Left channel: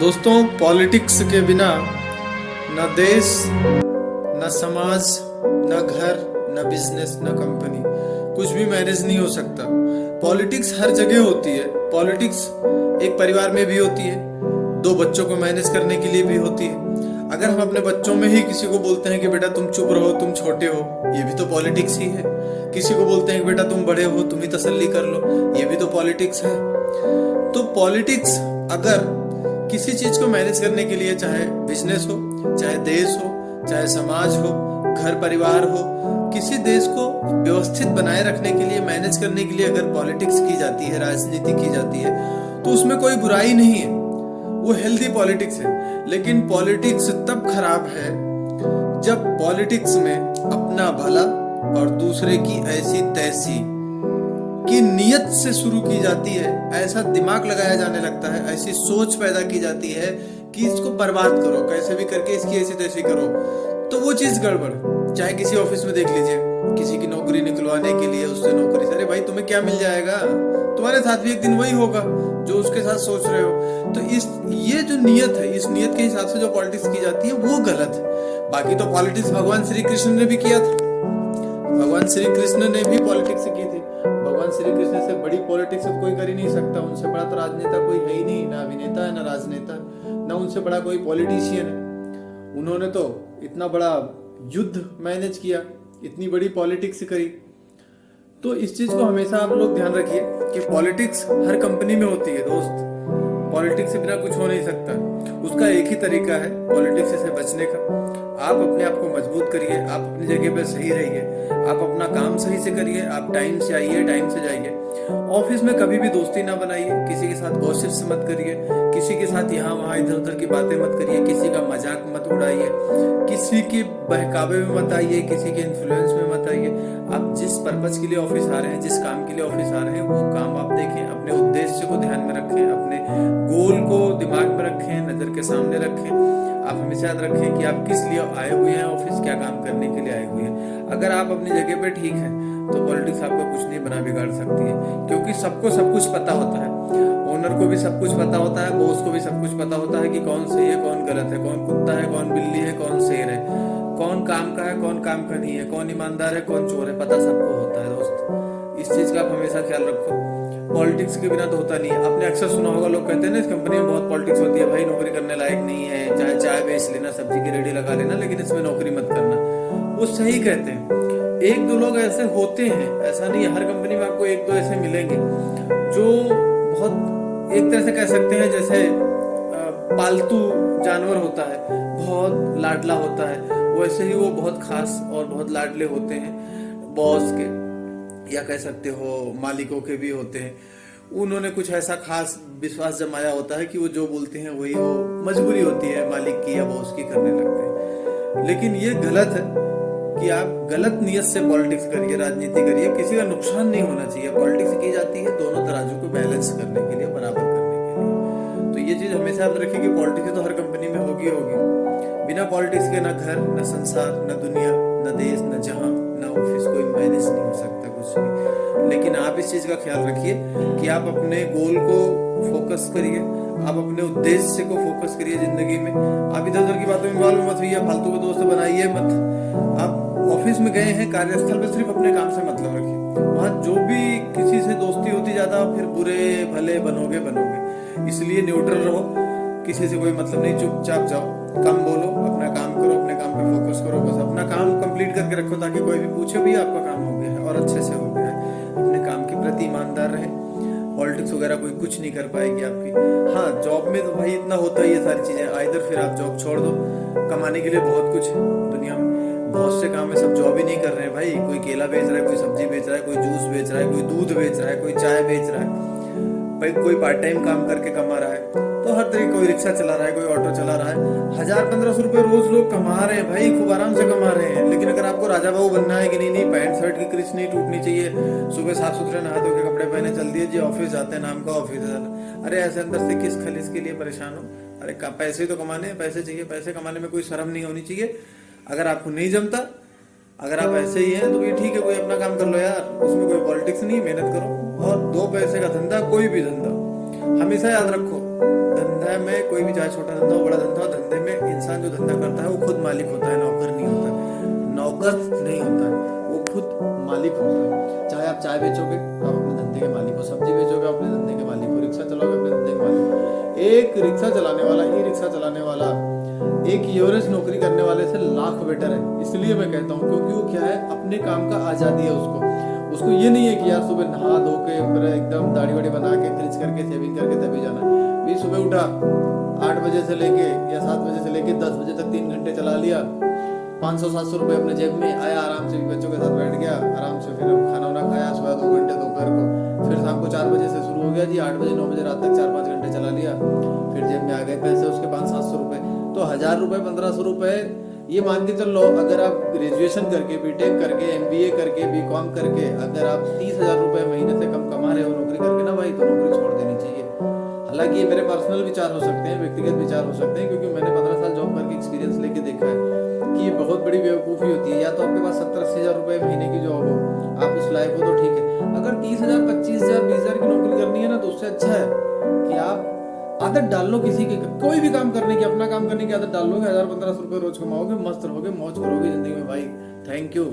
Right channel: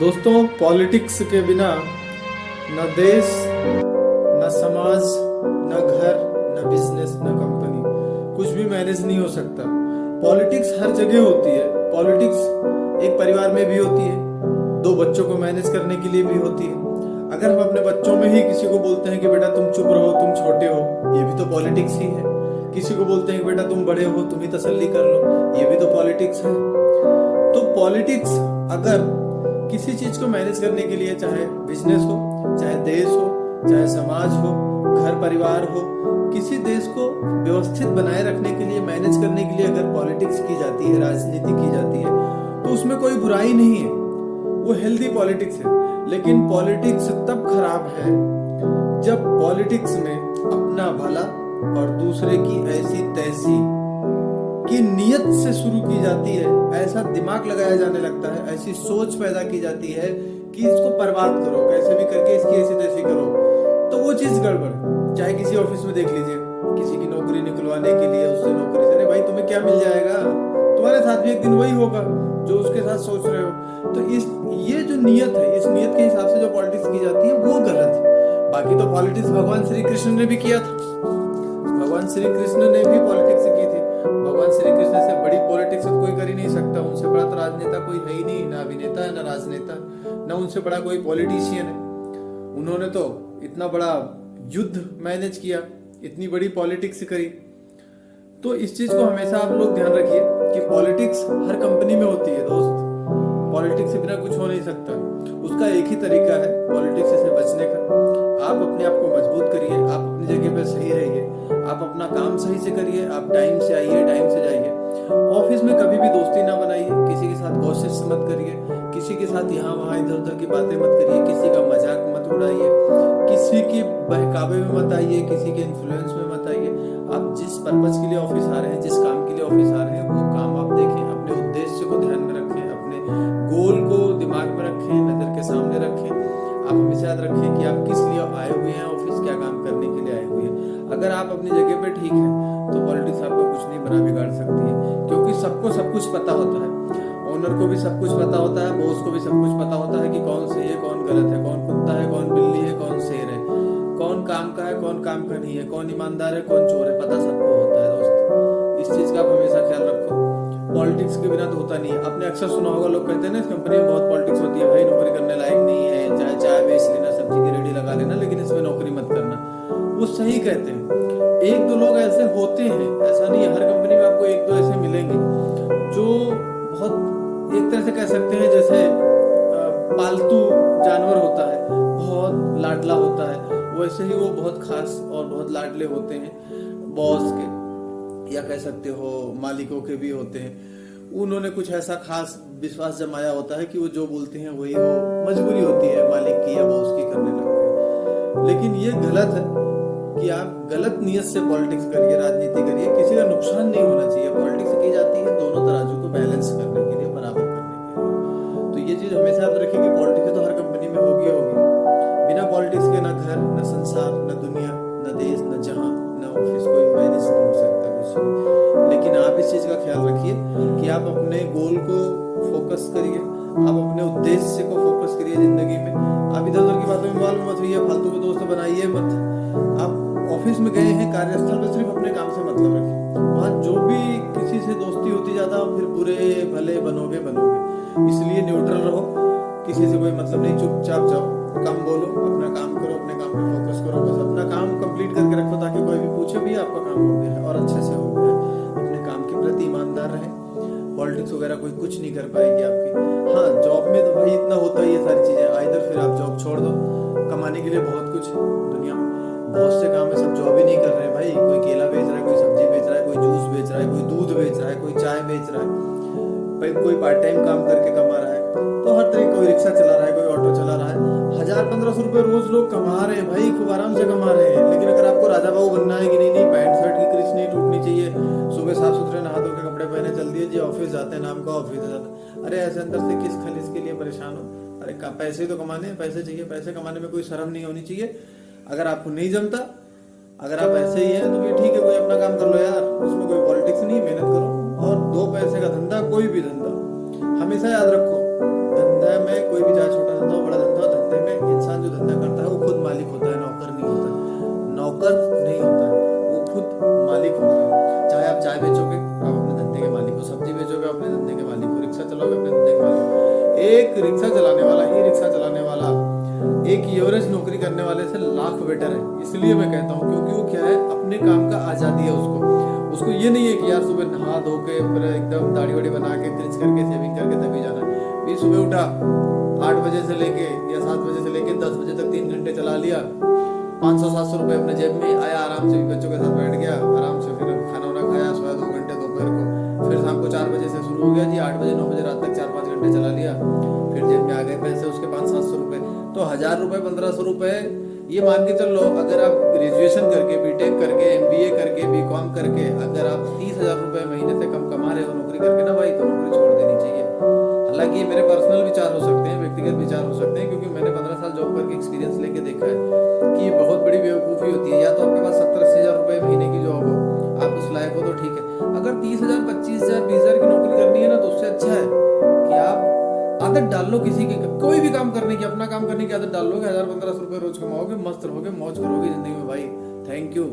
दोस्तों, पॉलिटिक्स के बिना न देश, न समाज, न घर, न बिजनेस, न कंपनी, कुछ भी मैनेज नहीं हो सकता। पॉलिटिक्स हर जगह होती है। पॉलिटिक्स एक परिवार में भी होती है, दो बच्चों को मैनेज करने के लिए भी होती है। अगर हम अपने बच्चों में ही किसी को बोलते हैं कि बेटा तुम चुप रहो, तुम छोटे हो, ये भी तो पॉलिटिक्स ही है। किसी को बोलते हैं कि बेटा तुम बड़े हो, तुम ही तसल्ली कर लो, ये भी तो पॉलिटिक्स है। तो पॉलिटिक्स अगर किसी चीज को मैनेज करने के लिए, चाहे बिजनेस हो, चाहे देश हो, चाहे समाज हो, घर परिवार हो, किसी देश को व्यवस्थित बनाए रखने के लिए, मैनेज करने के लिए अगर पॉलिटिक्स की जाती है, राजनीति की जाती है, तो उसमें कोई बुराई नहीं है। वो हेल्दी पॉलिटिक्स है। लेकिन पॉलिटिक्स तब खराब है जब पॉलिटिक्स में अपना भला और दूसरे की ऐसी तैसी की नियत से शुरू की जाती है, ऐसा दिमाग लगाया जाने लगता है, ऐसी सोच पैदा की जाती है कि इसको बर्बाद करो, कैसे भी करके इसकी ऐसी तैसी करो, तो वो चीज गड़बड़। चाहे किसी ऑफिस में देख लीजिए, किसी की नौकरी निकलवाने के लिए उससे नौकरी से, अरे भाई तुम्हें क्या मिल जाएगा, तुम्हारे साथ भी एक दिन वही होगा जो उसके साथ सोच रहे हो। तो ये जो नियत है, इस नियत के हिसाब से जो पॉलिटिक्स की जाती है वो गलत है। बाकी तो पॉलिटिक्स भगवान श्री कृष्ण ने भी किया था। भगवान श्री कृष्ण ने भी पॉलिटिक्स की थी। भगवान श्री कृष्ण से बड़ी पॉलिटिक्स तो कोई कर ही नहीं सकता। उनसे बड़ा तो राजनेता कोई है ही नहीं, ना अभिनेता है, ना राजनेता, ना उनसे बड़ा कोई पॉलिटिशियन है। उन्होंने तो इतना बड़ा युद्ध मैनेज किया, इतनी बड़ी पॉलिटिक्स करी। तो इस चीज को हमेशा आप लोग ध्यान रखिए कि पॉलिटिक्स हर कंपनी में होती है दोस्त। पॉलिटिक्स से बिना कुछ हो नहीं सकता। उसका एक ही तरीका है पॉलिटिक्स से बचने का। आप अपने आप को मजबूत करिए, आप अपनी जगह पे सही रहिए, आप अपना काम सही से करिए, आप टाइम से आइए, टाइम से जाइए। ऑफिस में कभी भी दोस्ती ना बनाइए, किसी के साथ गॉसिप्स मत करिए, किसी के साथ यहाँ वहाँ इधर उधर की बातें मत करिए, किसी का मजाक मत उड़ाइए, किसी के बहकावे में मत आइए, किसी के इन्फ्लुएंस में मत आइए। आप जिस पर्पज के लिए ऑफिस आ रहे हैं, जिस काम के लिए ऑफिस आ रहे हैं, वो काम आप देखें, अपने उद्देश्य को ध्यान में रखें, अपने गोल को दिमाग में रखें, नजर के सामने रखें। आप हमेशा याद रखें कि आप किस लिए आए हुए हैं ऑफिस, क्या काम करने के लिए आए हुए हैं। अगर आप अपनी जगह पे ठीक हैं तो पॉलिटिक्स आपका कुछ नहीं बना बिगाड़ सकती है, क्योंकि सबको सब कुछ पता होता है। ओनर को भी सब कुछ पता होता है, बॉस को भी सब कुछ पता होता है कि कौन सही है, कौन गलत है, कौन कुत्ता है, कौन बिल्ली है, कौन शेर है, कौन काम का है, कौन काम का नहीं है, कौन ईमानदार है, कौन चोर है, पता सबको होता है दोस्त। इस चीज का आप हमेशा ख्याल रखो। पॉलिटिक्स के बिना तो होता नहीं है। आपने अक्सर सुना होगा, लोग कहते हैं ना इस कंपनी में बहुत पॉलिटिक्स होती है, भाई नौकरी करने लायक नहीं है, चाहे चाय बेच लेना, सब्जी की रेडी लगा लेना, लेकिन इसमें नौकरी मत करना। वो सही कहते हैं। एक दो लोग ऐसे होते हैं, ऐसा नहीं है, हर कंपनी में आपको एक दो ऐसे मिलेंगे जो बहुत, एक तरह से कह सकते हैं जैसे पालतू जानवर होता है, बहुत लाडला होता है, वैसे ही वो बहुत खास और बहुत लाडले होते हैं बॉस के, या कह सकते हो मालिकों के भी होते हैं। उन्होंने कुछ ऐसा खास विश्वास जमाया होता है कि वो जो बोलते हैं वही, वो मजबूरी होती है मालिक की या बॉस की, करने लगते हैं। लेकिन ये गलत है कि आप गलत नियत से पॉलिटिक्स करिए, राजनीति करिए, किसी का नुकसान नहीं होना चाहिए। पॉलिटिक्स की जाती है दोनों तराजू को बैलेंस करने के लिए, बराबर करने के लिए। तो ये चीज हमेशा याद रखिए कि पॉलिटिक्स तो हर कंपनी में होगी। बिना पॉलिटिक्स के ना घर, ना संसार, ना दुनिया, ना देश, ना जहां, ना ऑफिस, कोई मैनेज नहीं हो सकता कुछ भी। लेकिन आप इस चीज का ख्याल रखिए कि आप अपने गोल को फोकस करिए, आप अपने उद्देश्य को फोकस करिए जिंदगी में। आप इधर उधर की बातों में इन्वॉल्व मत होइए, फालतू के दोस्त बनाइए मत। आप ऑफिस में गए हैं, कार्यस्थल पे सिर्फ अपने काम से मतलब रखिए। वहां जो भी किसी से दोस्ती होती ज्यादा, फिर बुरे भले बनोगे। इसलिए न्यूट्रल रहो, किसी से कोई मतलब नहीं, चुपचाप जाओ, कम बोलो, अपना काम करो, अपने काम पे फोकस करो, बस अपना काम कंप्लीट करके रखो, ताकि कोई भी पूछे भी आपका काम हो गया है और अच्छे से हो गया है। अपने काम के प्रति ईमानदार रहे। पॉलिटिक्स वगैरह कोई कुछ नहीं कर पाएगी आपकी। हाँ, जॉब में तो भाई इतना होता ही है सारी चीजें, आइदर फिर आप जॉब छोड़ दो, कमाने के लिए बहुत कुछ दुनिया में बहुत से काम है, सब जॉब ही नहीं कर रहे हैं भाई। कोई केला बेच रहा है, कोई सब्जी बेच रहा है, कोई जूस बेच रहा है, कोई दूध बेच रहा है, कोई चाय बेच रहा है भाई, कोई पार्ट टाइम काम करके कमा रहा है। तो हर तरह, कोई रिक्शा चला रहा है, कोई ऑटो चला रहा है। 1000-1500 रुपए रोज लोग कमा रहे हैं भाई, खूब आराम से कमा रहे हैं। लेकिन अगर आपको राजा बाबू बनना है कि नहीं, पैंट शर्ट की क्रीच नहीं टूटनी चाहिए, सुबह साफ सुथरे नहा धो के कपड़े पहने चल दिए जी, ऑफिस जाते हैं, नाम का ऑफिस जाता। अरे ऐसे अंदर से किस खलीस के लिए परेशान हो? अरे पैसे ही तो कमाने हैं, पैसे चाहिए, पैसे कमाने में कोई शर्म नहीं होनी चाहिए। अगर आपको नहीं जमता, अगर आप ऐसे ही हैं तो भी ठीक है, कोई अपना काम कर लो यार, उसमें कोई पॉलिटिक्स नहीं, मेहनत करो और 2 पैसे का धंधा, कोई भी धंधा, हमेशा याद रखो, धंधा व्यवसाय में कोई भी, चाहे छोटा धंधा हो बड़ा धंधा हो, धंधे में इंसान जो धंधा करता है वो खुद मालिक होता है, नौकर नहीं होता है, नौकर नहीं होता है, वो खुद मालिक होता है। चाहे आप चाय बेचोगे आप अपने धंधे के मालिक हो, सब्जी बेचोगे अपने धंधे के मालिक हो, रिक्शा चलाओगे अपने धंधे के मालिक हो। एक रिक्शा चलाने वाला, ई रिक्शा चलाने वाला एक एवरेज नौकरी करने वाले से लाख बेटर है। इसलिए मैं कहता हूँ क्योंकि वो क्या है, अपने काम का आज़ादी है उसको ये नहीं है कि यार सुबह नहा धो के फिर एकदम दाढ़ी वाड़ी बना के क्रिच करके सेविंग करके तभी जाना है। भी सुबह उठा 8 बजे से लेके या 7 बजे से लेके 10 बजे तक 3 घंटे चला लिया, 500-700 रुपये अपने जेब में, आया आराम से भी बच्चों के साथ बैठ गया, आराम से फिर खाना वाना खाया, सोया 2 घंटे दोपहर को, फिर शाम को 4 बजे से शुरू हो गया जी, 8 बजे 9 बजे रात तक 4-5 घंटे चला लिया, फिर जेब में आ गए पैसे उसके 500-700 रुपये। तो 1000 रुपये 1500 रुपये ये मान के चल लो, अगर आप ग्रेजुएशन करके, बीटेक करके, MBA करके, BCom करके अगर आप 30,000 रुपये महीने से कम कमा रहे हो नौकरी करके ना भाई, तो नौकरी छोड़ देनी चाहिए। हालांकि ये मेरे पर्सनल विचार हो सकते हैं, व्यक्तिगत विचार हो सकते हैं, क्योंकि मैंने 15 साल जॉब करके एक्सपीरियंस लेके देखा है कि ये बहुत बड़ी बेवकूफ़ी होती है। या तो आपके पास 70-80 हज़ार रुपये महीने की जॉब हो, आप उस लायक हो तो ठीक है। अगर 30,000, 25,000, 20,000 की नौकरी करनी है ना, तो उससे अच्छा है कि आप आदत डाल लो किसी के, कोई भी काम करने की, अपना काम करने की आदत डाल लोगे, 1000-1500 रुपये रोज कमाओगे, मस्त रहोगे, मौज करोगे जिंदगी में भाई। Thank you.